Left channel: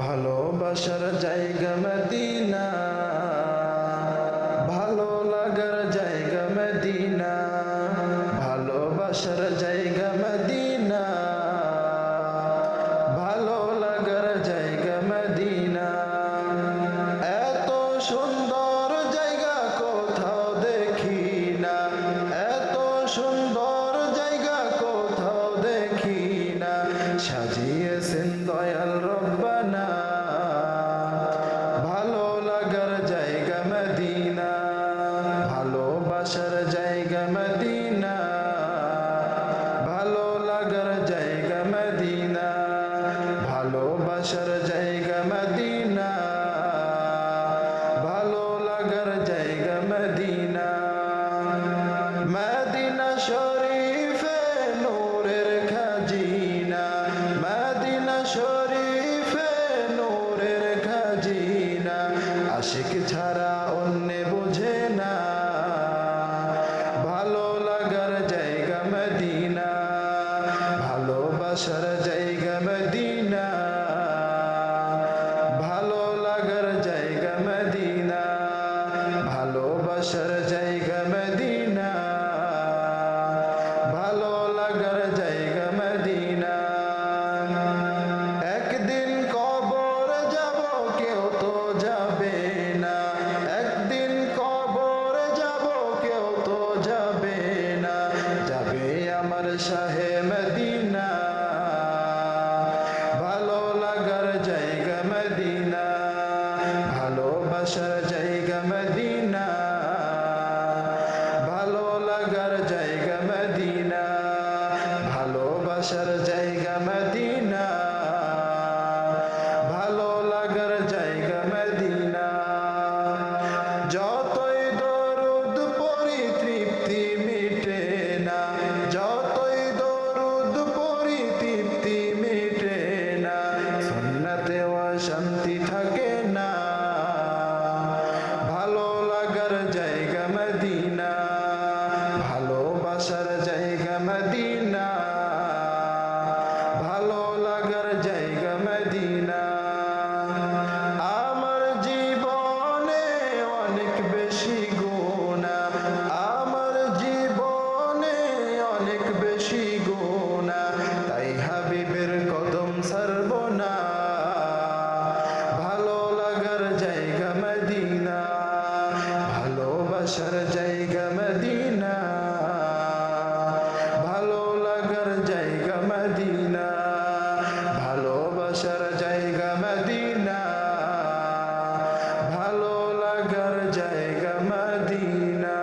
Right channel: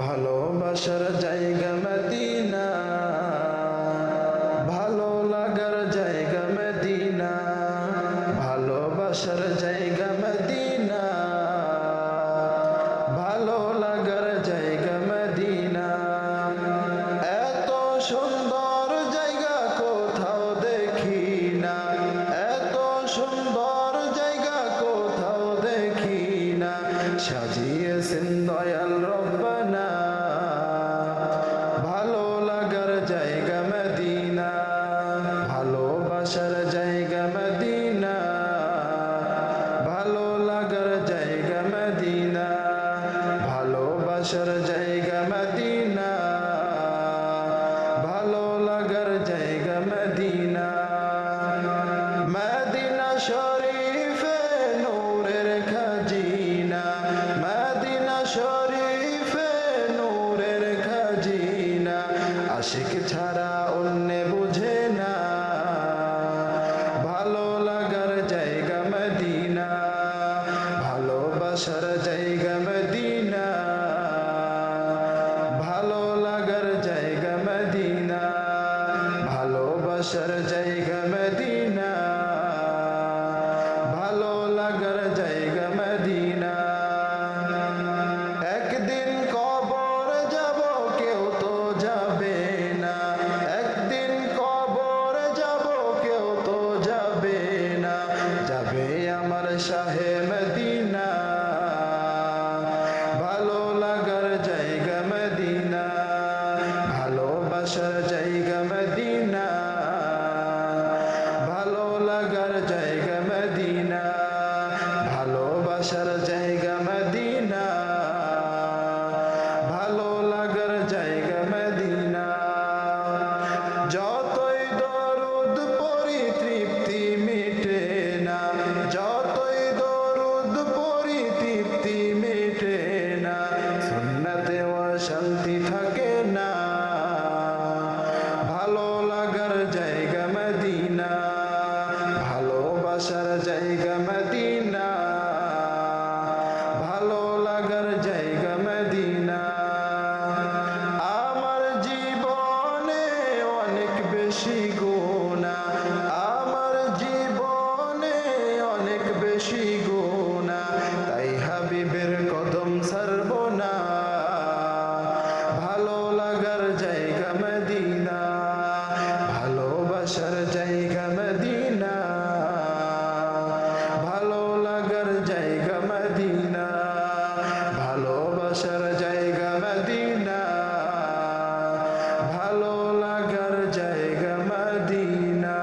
ভালোবাসার জায়গা মদিনা, ভালো লাগার জায়গা মদিনা, ভালোবাসার জায়গা মদিনা, ভালো লাগার জায়গা মদিনা। এত সুন্দর জায়গা কোথাও দেখি না, এত সুন্দর জায়গা কোথাও দেখি না, সাজিয়েছেন দয়াল রব্বানা ভালো লাগার জায়গা মদিনা, ভালোবাসার জায়গা মদিনা, ভালো লাগার জায়গা মদিনা, ভালোবাসার জায়গা মদিনা, ভালো লাগার জায়গা মদিনা। মদিনা শরীফে নূরের খাজিনা, মদিনা শরীফে নূরের খাজিনা, আশিক ছাড়া অন্য বুঝে না ভালো লাগার জায়গা মদিনা, ভালোবাসার জায়গা মদিনা, ভালো লাগার জায়গা মদিনা, ভালোবাসার জায়গা মদিনা, ভালো লাগার জায়গা মদিনা। একদিন কবর যাব কেউ তো যাবে না, একদিন কবর যাব কেউ তো যাবে না, যাবে আমার শাহে মদিনা ভালো লাগার জায়গা মদিনা, ভালোবাসার জায়গা মদিনা, ভালো লাগার জায়গা মদিনা, ভালোবাসার জায়গা মদিনা, ভালো লাগার জায়গা মদিনা। যতই দরুদ পড়ি তৃপ্তি মিটে না, যতই দরুদ পড়ি তৃপ্তি মিটে না, সুন্নতেও শান্তি থাকে না ভালো লাগার জায়গা মদিনা, ভালোবাসার জায়গা মদিনা, ভালো লাগার জায়গা মদিনা। আমার জীবনে অনেক বেশি গুনাহ, আমার জীবনে অনেক বেশি গুনাহ, তাই হাবিবের কদম ছাড়ব না ভালো লাগার জায়গা মদিনা, ভালোবাসার জায়গা মদিনা, ভালো লাগার জায়গা মদিনা, ভালোবাসার জায়গা মদিনা, ভালো লাগার জায়গা মদিনা।